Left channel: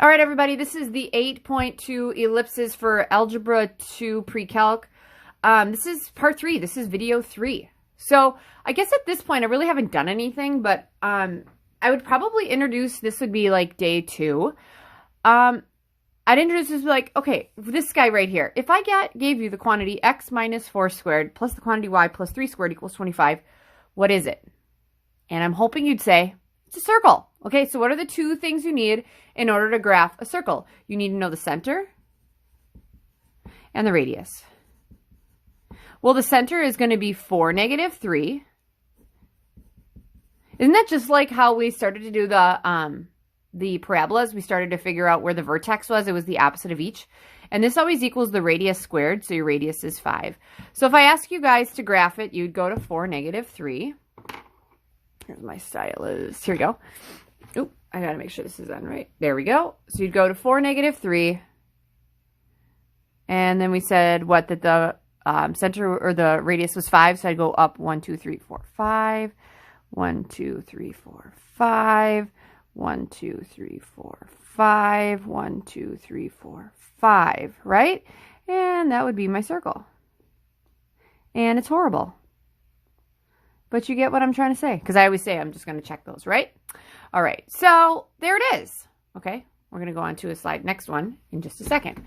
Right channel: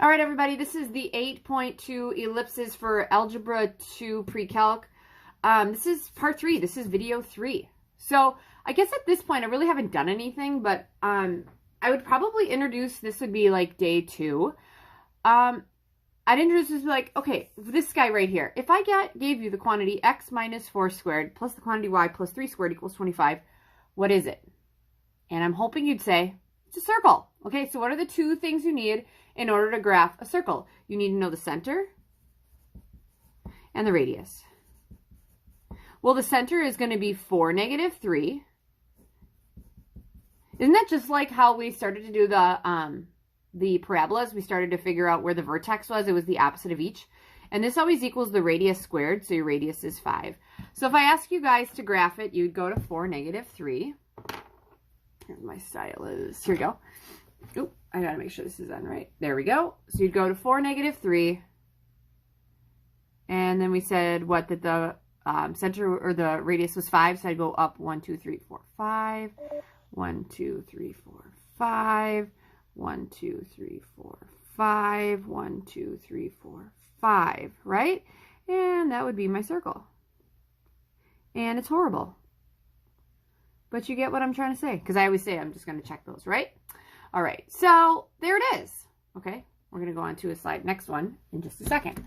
All right, everybody, this is the 8.2 ellipses for Algebra 2 Pre-Calc. This is part 3. This is video 3. So I guess at this point, I really haven't done anything, but I would probably introduce, this would be like day 2. I'd introduce this like, okay, this guy right here. If I gave you the quantity x minus 4 squared plus the quantity y plus 3 squared equals 25, what is it? And I'm hoping you'd say, it's a circle. Okay, so what are the two things you need in order to graph a circle? You need to know the center and the radius. Well, the center is going to be 4, -3. Isn't that just like how we started to do the parabolas? We started to figure out where the vertex was. It was the opposite of each. And this always equals the radius squared, so your radius is 5. So if I ask you guys to graph it, you'd go to 4, -3. Here's my stylus. Here we go. Oop, I gotta make sure this is on right. There we go. So you'd go to 4, -3. And then we said what, that the center or the radius was 5. So I'd go up 1, 2, 3, 4, 5. 1, 2, 3, 4, 5. 1, 2, 3, 4, 5. 1, 2, 3, 4, 5. Right? And that would be my circle. And it's horrible. But you get what I'm trying to say. Because I always say I'm just going to check those, right? All right. So there it is. Okay. We're going to go on to a slide, next one, in just a second.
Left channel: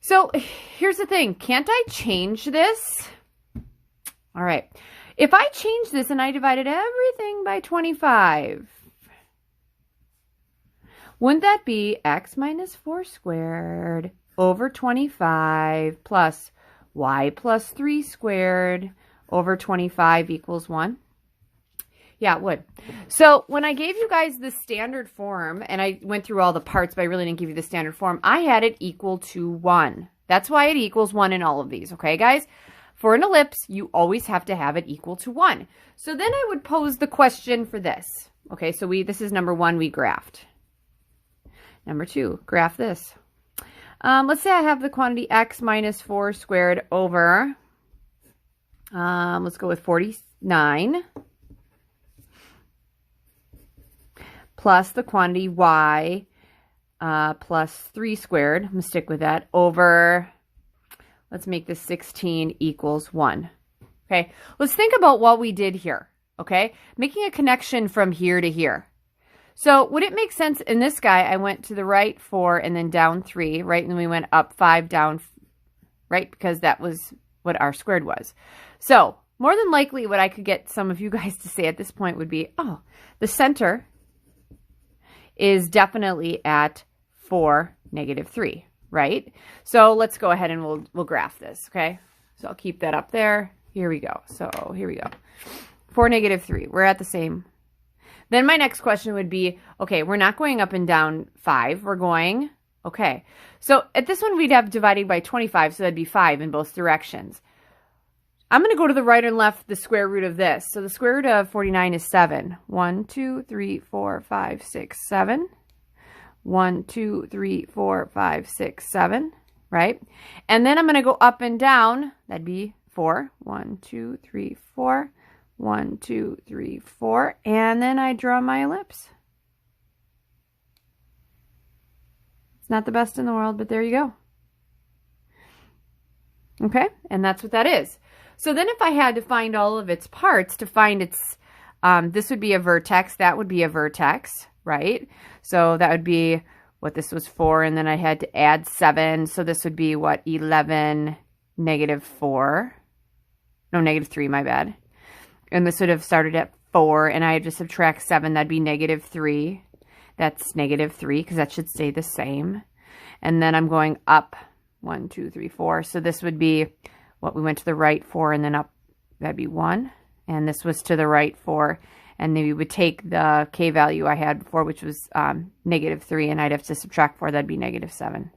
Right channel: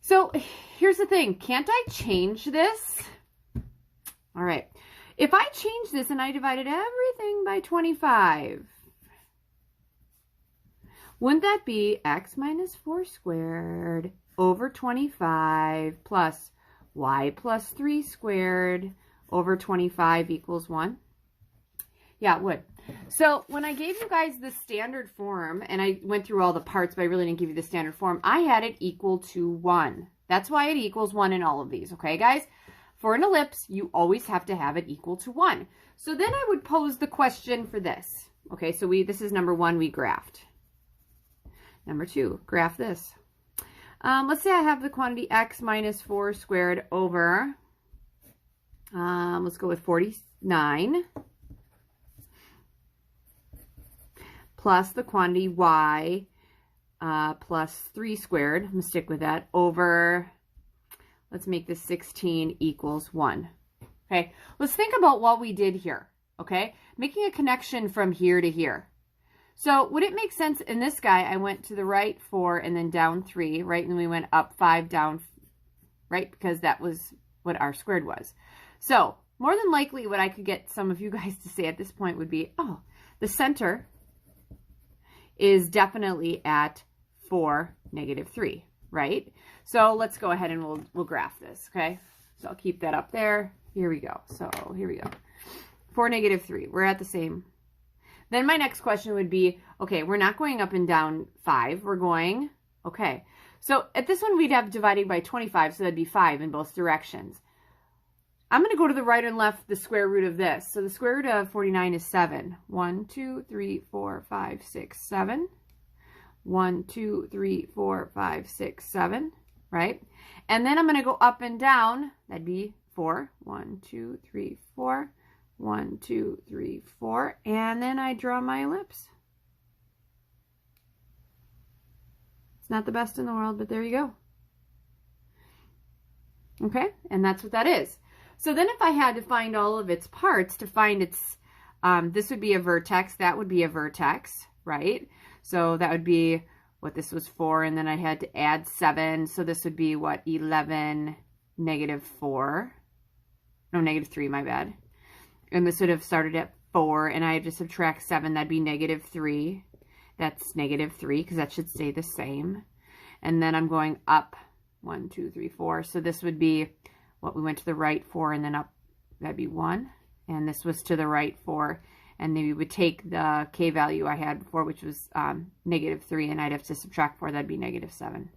So here's the thing. Can't I change this? All right. If I change this and I divided everything by 25, wouldn't that be x minus 4 squared over 25 plus y plus 3 squared over 25 equals 1? Yeah, it would. So when I gave you guys the standard form, and I went through all the parts, but I really didn't give you the standard form, I had it equal to 1. That's why it equals 1 in all of these, okay, guys? For an ellipse, you always have to have it equal to 1. So then I would pose the question for this. Okay, so this is number 1, we graphed. Number 2, graph this. Let's say I have the quantity x minus 4 squared over, let's go with 49. Plus the quantity y plus 3 squared, I'm going to stick with that, over, let's make this 16 equals 1. Okay, let's think about what we did here, okay? Making a connection from here to here. So would it make sense in this guy, I went to the right 4 and then down 3, right? And then we went up 5, down, right? Because that was what r squared was. So more than likely what I could get some of you guys to say at this point would be, oh, the center is definitely at 4, -3, right? So let's go ahead and we'll graph this, okay? So I'll keep that up there. Here we go. So here we go. 4, -3. We're at the same. Then my next question would be, okay, we're not going up and down 5. We're going, okay. So at this one, we'd have dividing by 25, so that'd be 5 in both directions. I'm going to go to the right and left the square root of this. So the square root of 49 is 7. 1, 2, 3, 4, 5, 6, 7. 1, 2, 3, 4, 5, 6, 7, right? And then I'm going to go up and down. That'd be 4. 1, 2, 3, 4. 1, 2, 3, 4. And then I draw my ellipse. It's not the best in the world, but there you go. Okay, and that's what that is. So then if I had to find all of its parts, to find its, this would be a vertex, that would be a vertex, right? So that would be what this was 4, and then I had to add 7. So this would be what, 11, -4. No, -3, my bad. And this would have started at 4, and I had to subtract 7. That'd be -3. That's -3, because that should stay the same. And then I'm going up 1, 2, 3, 4. So this would be what we went to the right 4 and then up, that'd be 1. And this was to the right 4. And then we would take the k value I had before, which was -3, and I'd have to subtract 4. That'd be -7.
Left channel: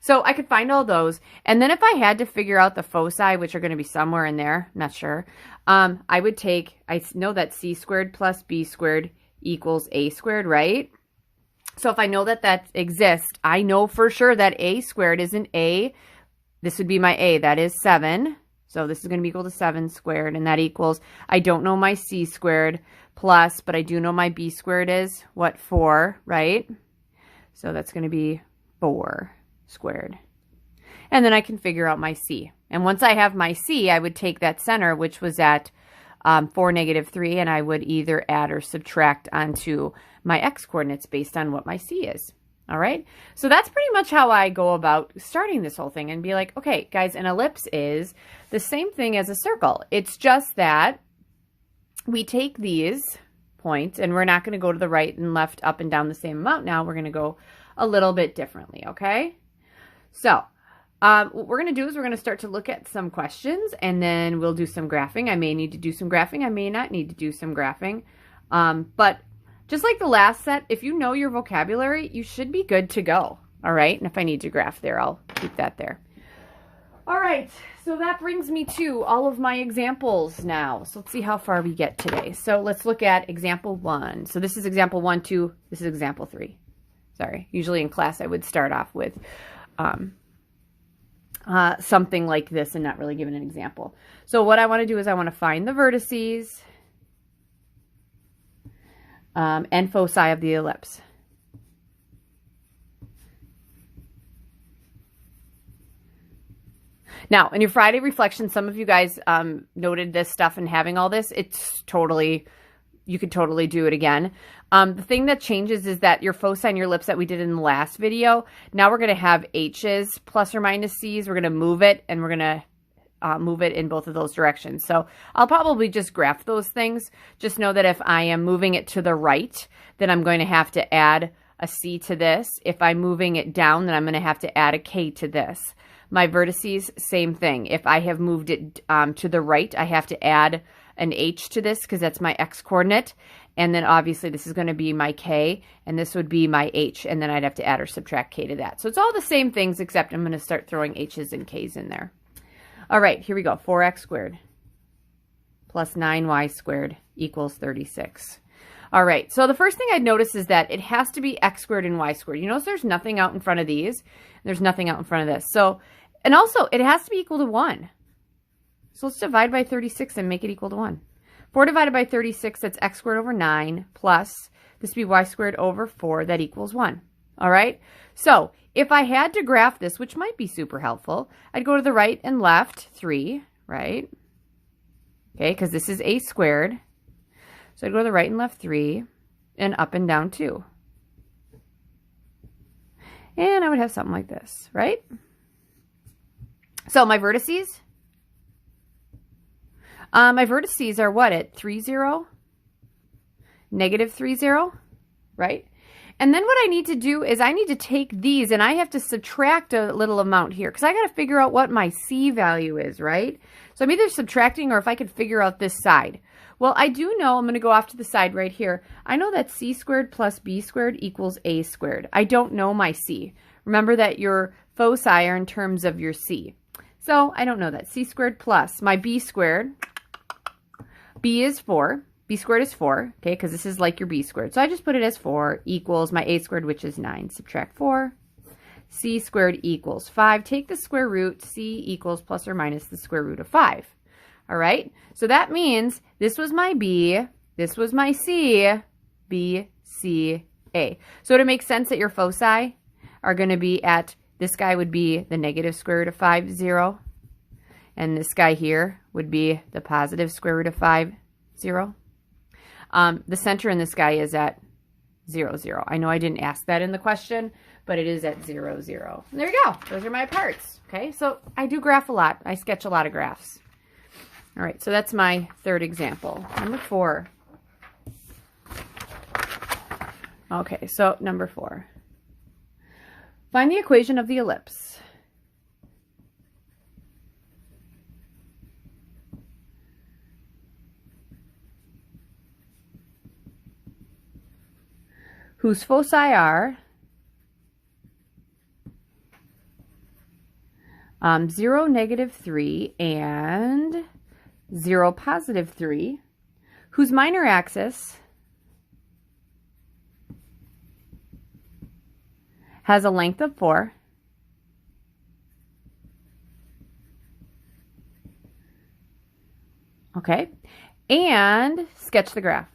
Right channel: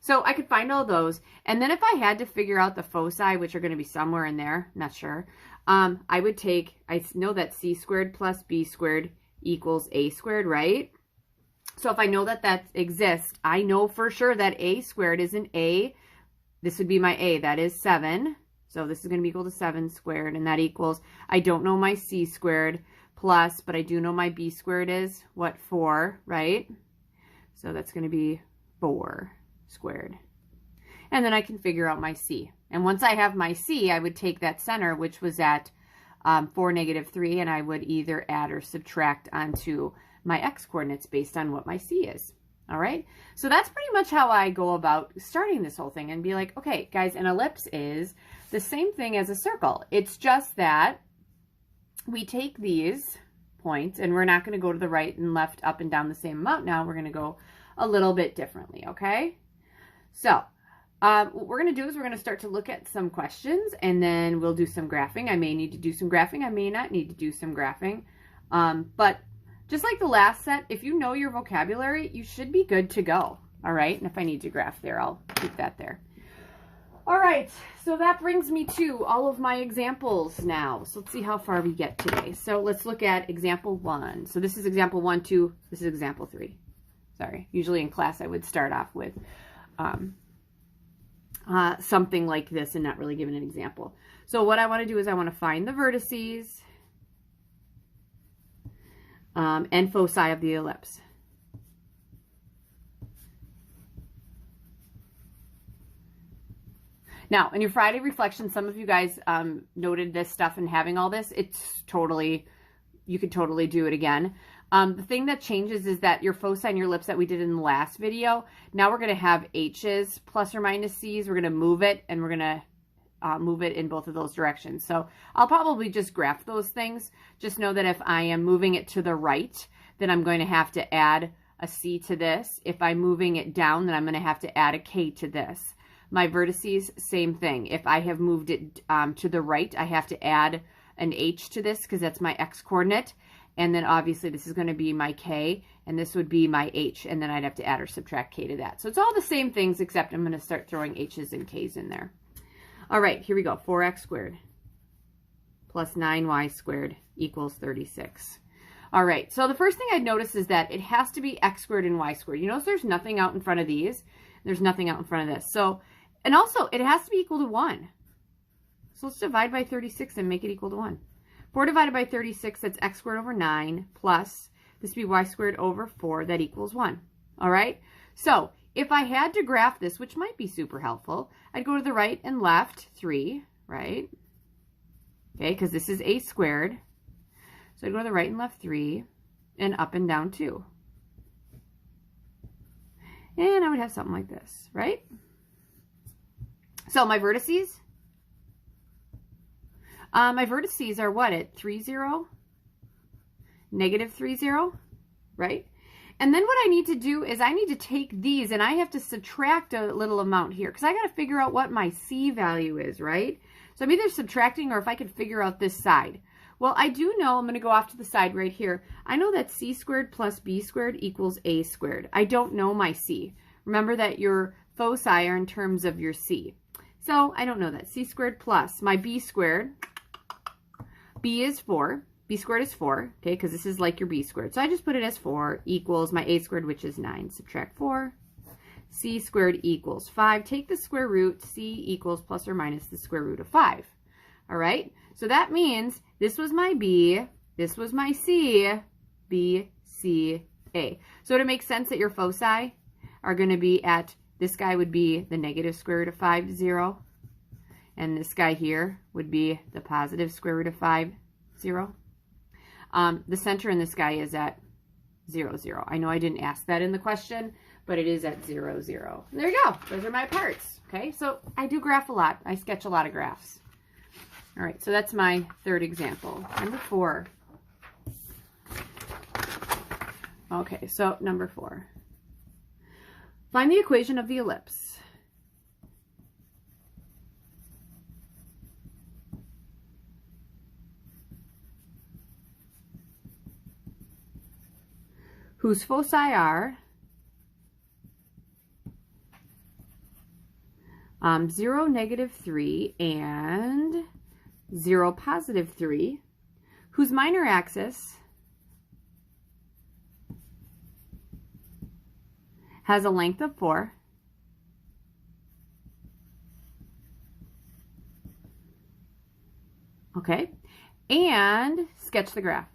So I could find all those. And then if I had to figure out the foci, which are going to be somewhere in there, not sure, I would take, I know that c squared plus b squared equals a squared, right? So if I know that that exists, I know for sure that a squared is an a. This would be my a, that is 7. So this is going to be equal to 7 squared, and that equals, I don't know my c squared plus, but I do know my b squared is, what, 4, right? So that's going to be 4 squared. And then I can figure out my C. And once I have my C, I would take that center, which was at 4, -3, and I would either add or subtract onto my x coordinates based on what my C is. All right, so that's pretty much how I go about starting this whole thing and be like, okay, guys, an ellipse is the same thing as a circle. It's just that we take these points and we're not going to go to the right and left, up and down the same amount now. We're going to go a little bit differently, okay? So what we're going to do is we're going to start to look at some questions, and then we'll do some graphing. I may need to do some graphing. I may not need to do some graphing. But just like the last set, if you know your vocabulary, you should be good to go. All right. And if I need to graph there, I'll keep that there. All right. So that brings me to all of my examples now. So let's see how far we get today. So let's look at example 1. So this is example 1, 2. This is example 3. Sorry. Usually in class, I would start off with something like this and not really give an example. So what I want to do is I want to find the vertices and foci of the ellipse. Now, in your Friday reflection, some of you guys noted this stuff and having all this. It's totally, you could totally do it again. The thing that changes is that your foci and your ellipse that we did in the last video, now we're going to have H's plus or minus C's. We're going to move it, and we're going to move it in both of those directions. So I'll probably just graph those things. Just know that if I am moving it to the right, then I'm going to have to add a C to this. If I'm moving it down, then I'm going to have to add a K to this. My vertices, same thing. If I have moved it to the right, I have to add an H to this because that's my X coordinate. And then obviously this is going to be my K, and this would be my H, and then I'd have to add or subtract K to that. So it's all the same things, except I'm going to start throwing H's and K's in there. All right, here we go. 4x squared plus 9y squared equals 36. All right, so the first thing I'd notice is that it has to be x squared and y squared. You notice there's nothing out in front of these. There's nothing out in front of this. So, and also it has to be equal to 1. So let's divide by 36 and make it equal to 1. 4 divided by 36, that's x squared over 9 plus this would be y squared over 4, that equals 1. All right, so if I had to graph this, which might be super helpful, I'd go to the right and left 3, right? Okay, because this is a squared. So I'd go to the right and left 3 and up and down 2. And I would have something like this, right? So my vertices? My vertices are what, at 3, 0? -3, 0, right? And then what I need to do is I need to take these and I have to subtract a little amount here because I got to figure out what my C value is, right? So I'm either subtracting or if I could figure out this side. Well, I do know, I'm going to go off to the side right here. I know that C squared plus B squared equals A squared. I don't know my C. Remember that your foci are in terms of your C. So I don't know that. C squared plus my B squared. B is 4. B squared is 4, okay, because this is like your B squared. So I just put it as 4 equals my A squared, which is 9. Subtract 4. C squared equals 5. Take the square root. C equals plus or minus the square root of 5. All right, so that means this was my B, this was my C, B, C, A. So it makes sense that your foci are going to be at, this guy would be the negative square root of 5, 0. And this guy here would be the positive square root of 5, 0. The center in this guy is at 0, 0. I know I didn't ask that in the question, but it is at 0, 0. And there you go. Those are my parts. Okay, so I do graph a lot. I sketch a lot of graphs. All right, so that's my third example. Number 4. Okay, so number 4. Find the equation of the ellipse. Whose foci are 0, -3, and 0, +3, whose minor axis has a length of 4, okay, and sketch the graph.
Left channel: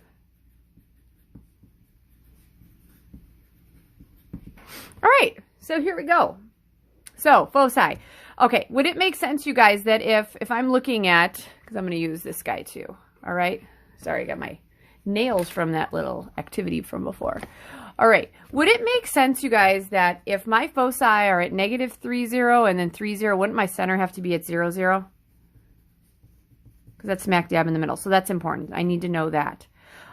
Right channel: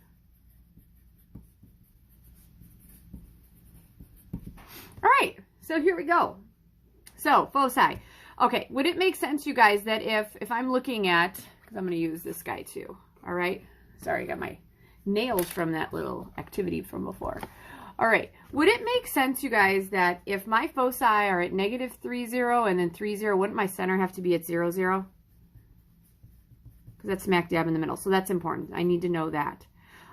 All right, so here we go. So foci. Okay, would it make sense, you guys, that if I'm looking at, because I'm going to use this guy too, all right? Sorry, I got my nails from that little activity from before. All right, would it make sense, you guys, that if my foci are at negative 3, 0, and then 3, 0, wouldn't my center have to be at 0, 0? Because that's smack dab in the middle, so that's important. I need to know that.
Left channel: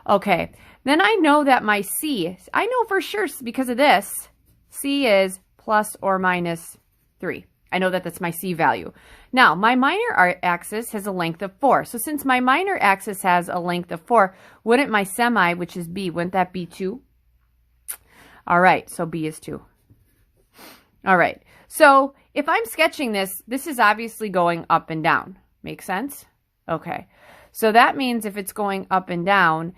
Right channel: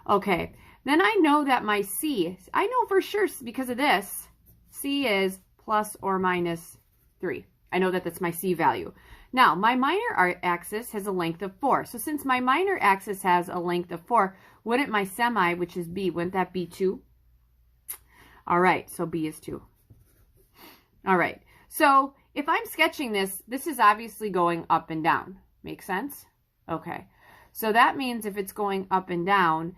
Okay, then I know that my C, I know for sure because of this, C is plus or minus 3. I know that that's my C value. Now, my minor axis has a length of 4. So since my minor axis has a length of 4, wouldn't my semi, which is B, wouldn't that be 2? All right, so B is 2. All right, so if I'm sketching this, this is obviously going up and down. Make sense? Okay, so that means if it's going up and down,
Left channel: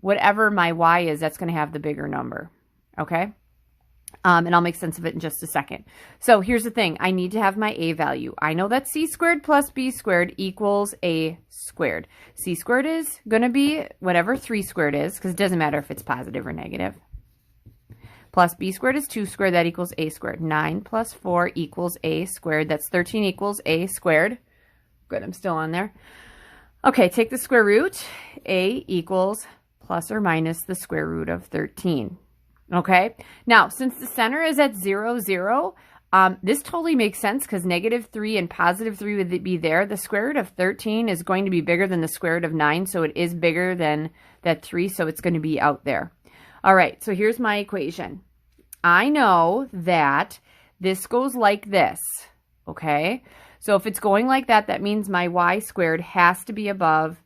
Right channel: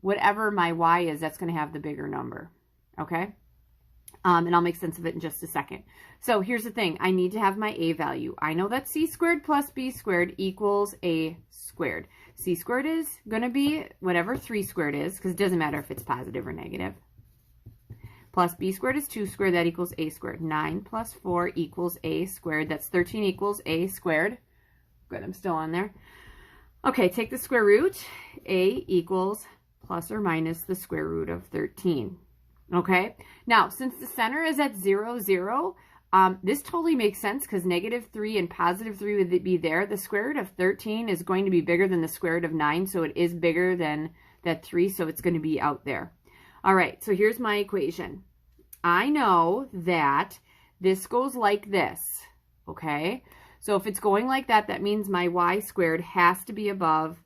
whatever my Y is, that's going to have the bigger number. Okay? And I'll make sense of it in just a second. So here's the thing. I need to have my A value. I know that C squared plus B squared equals A squared. C squared is going to be whatever 3 squared is, because it doesn't matter if it's positive or negative. Plus B squared is 2 squared. That equals A squared. 9 plus 4 equals A squared. That's 13 equals A squared. Good, I'm still on there. Okay, take the square root. A equals plus or minus the square root of 13. Okay, now since the center is at 0, 0, this totally makes sense because negative 3 and positive 3 would be there. The square root of 13 is going to be bigger than the square root of 9, so it is bigger than that 3, so it's going to be out there. All right, so here's my equation. I know that this goes like this, okay? So if it's going like that, that means my Y squared has to be above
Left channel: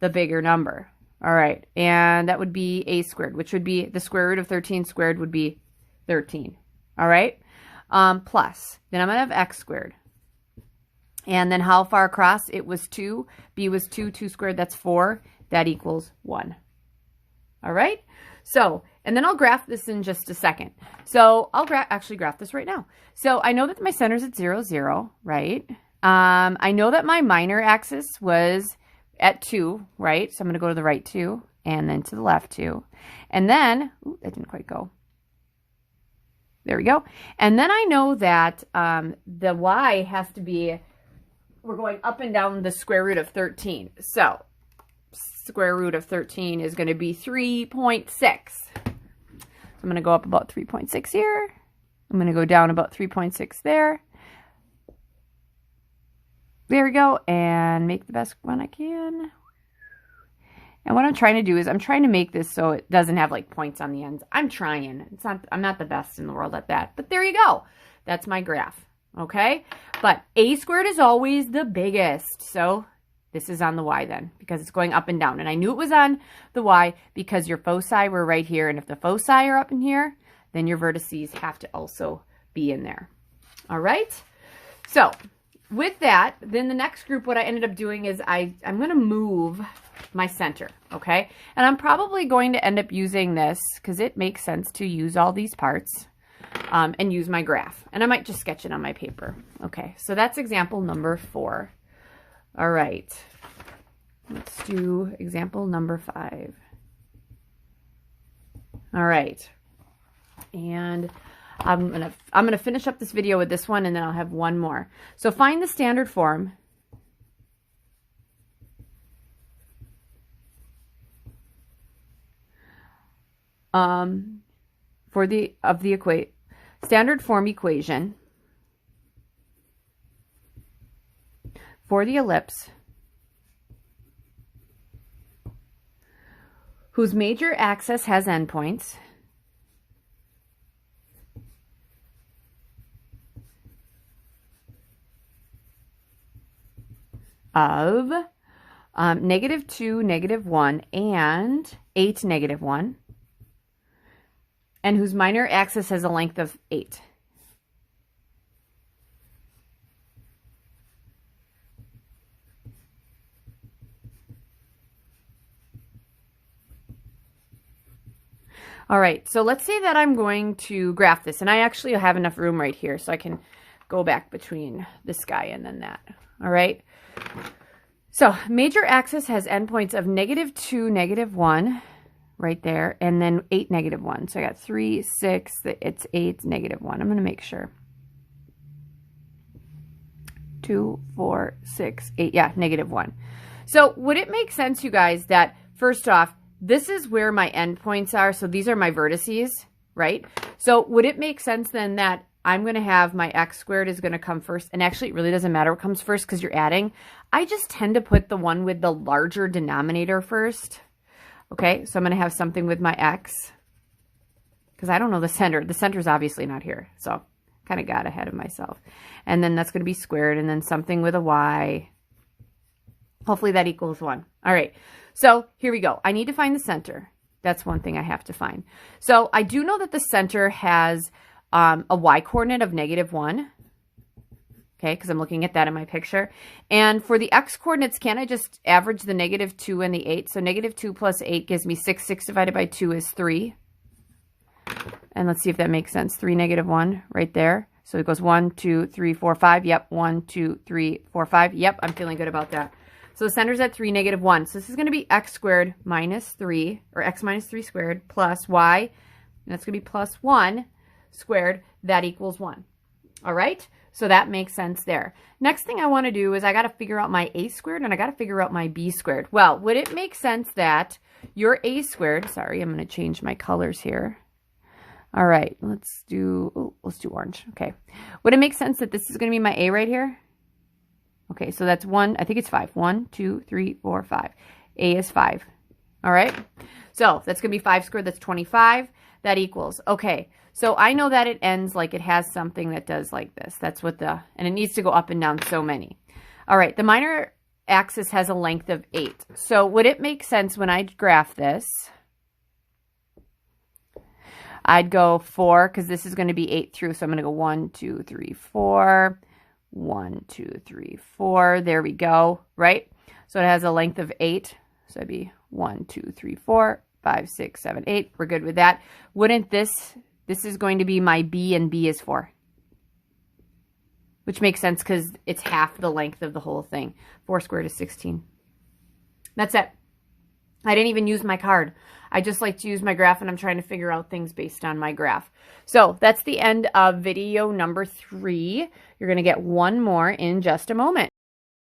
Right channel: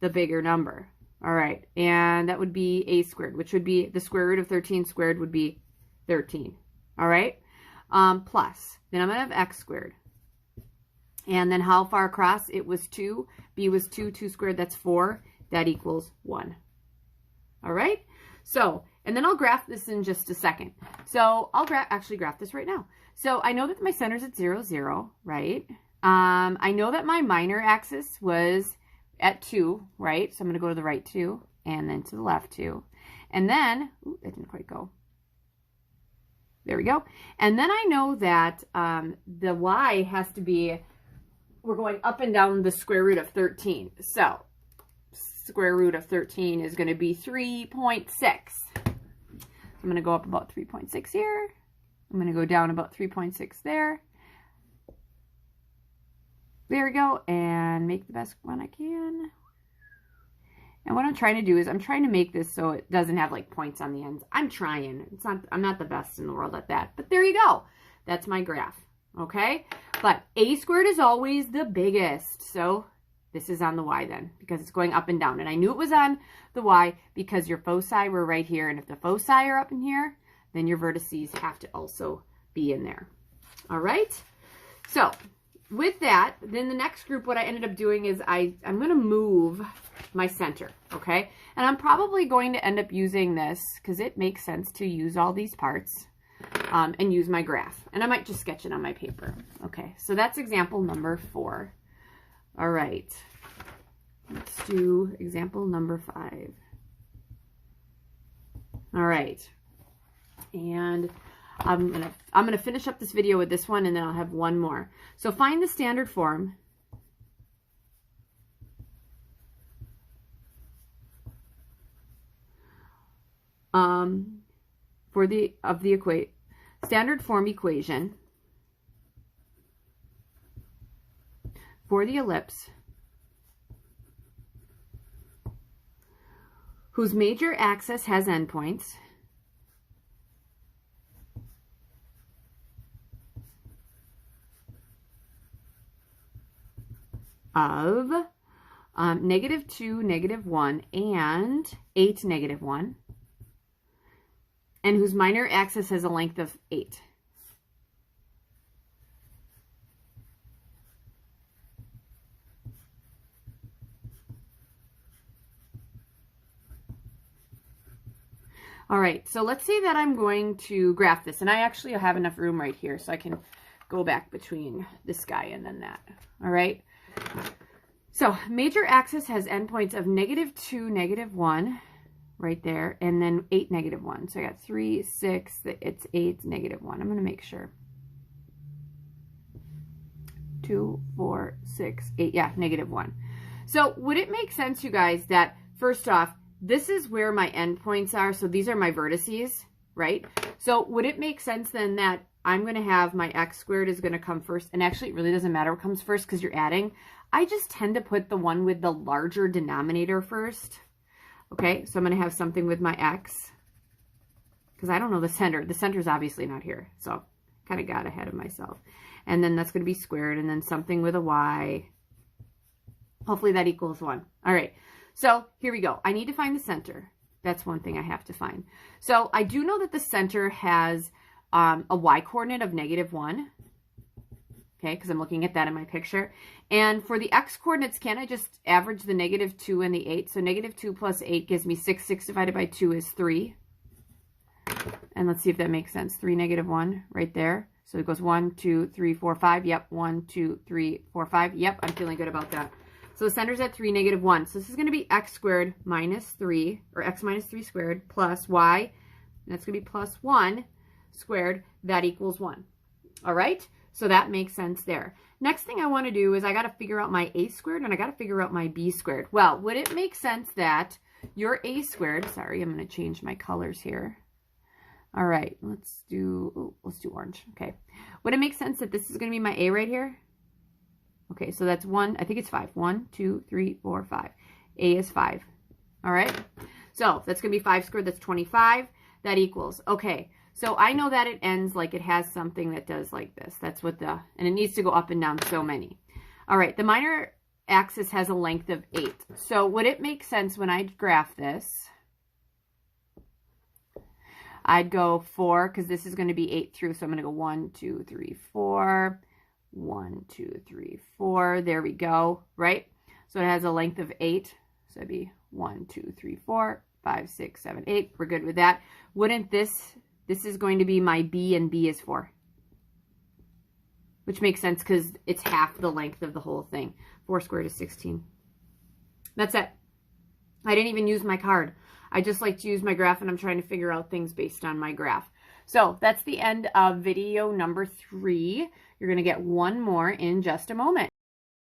the bigger number. All right, and that would be A squared, which would be the square root of 13 squared would be 13. All right, plus, then I'm going to have X squared. And then how far across? It was 2. B was 2. 2 squared, that's 4. That equals 1. All right, so, and then I'll graph this in just a second. So I'll actually graph this right now. So I know that my center's at 0, 0, right? I know that my minor axis was at 2, right? So I'm going to go to the right 2 and then to the left 2. And then, ooh, that didn't quite go. There we go. And then I know that the Y has to be, we're going up and down the square root of 13. So square root of 13 is going to be 3.6. So I'm going to go up about 3.6 here. I'm going to go down about 3.6 there. There we go, and make the best one I can. And what I'm trying to do is I'm trying to make this so it doesn't have like points on the ends. I'm trying. I'm not the best in the world at that, but there you go. That's my graph, okay? But A squared is always the biggest, so this is on the Y then because it's going up and down. And I knew it was on the Y because your foci were right here, and if the foci are up in here, then your vertices have to also be in there. All right? So with that, then the next group, what I ended up doing is I'm going to move my center, okay? And I'm probably going to end up using this because it makes sense to use all these parts and use my graph. And I might just sketch it on my paper. Okay, so that's example number 4. All right, let's do example number 5. All right, and I'm gonna finish up this video with this one, and then I'll have one more. So find the standard form standard form equation for the ellipse whose major axis has endpoints of -2, -1, and 8, -1, and whose minor axis has a length of 8. All right, so let's say that I'm going to graph this, and I actually have enough room right here so I can go back between this guy and then that. All right, so major axis has endpoints of -2, -1, right there, and then 8, -1. So I got 3, 6, it's 8, -1. I'm going to make sure. 2, 4, 6, 8, yeah, -1. So would it make sense, you guys, that first off, this is where my endpoints are, so these are my vertices, right? So would it make sense then that I'm going to have my x squared is going to come first, and actually it really doesn't matter what comes first because you're adding. I just tend to put the one with the larger denominator first. Okay, so I'm going to have something with my x, because I don't know the center. The center's obviously not here, so kind of got ahead of myself. And then that's going to be squared, and then something with a y. Hopefully that equals 1. All right, so here we go. I need to find the center. That's one thing I have to find. So I do know that the center has a y coordinate of -1. Okay, because I'm looking at that in my picture. And for the x coordinates, can I just average the -2 and the 8? So -2 plus 8 gives me 6. 6 divided by 2 is 3. And let's see if that makes sense. 3, -1 right there. So it goes 1, 2, 3, 4, 5. Yep, 1, 2, 3, 4, 5. Yep, I'm feeling good about that. So the center's at 3, -1. So this is going to be x squared minus 3, or x minus 3 squared plus y. And that's going to be plus 1 squared. That equals 1. All right? So that makes sense there. Next thing I want to do is I got to figure out my a squared, and I got to figure out my b squared. Well, would it make sense that your a squared, sorry, I'm going to change my colors here. All right, let's do orange. Okay. Would it make sense that this is going to be my a right here? Okay, so that's 1, I think it's 5. 1, 2, 3, 4, 5. A is 5. All right? So that's going to be 5 squared. That's 25. That equals, okay. So I know that it ends like it has something that does like this. That's what and it needs to go up and down so many. All right, the minor axis has a length of 8. So would it make sense when I graph this, I'd go 4, because this is going to be 8 through, so I'm going to go 1, 2, 3, 4, 1, 2, 3, 4. There we go, right? So it has a length of 8. So it'd be 1, 2, 3, 4, 5, 6, 7, 8. We're good with that. Wouldn't this is going to be my b, and b is 4. Which makes sense because it's half the length of the whole thing. 4 squared is 16. That's it. I didn't even use my card. I just like to use my graph, and I'm trying to figure out things based on my graph. So that's the end of video number 3. You're going to get one more in just a moment.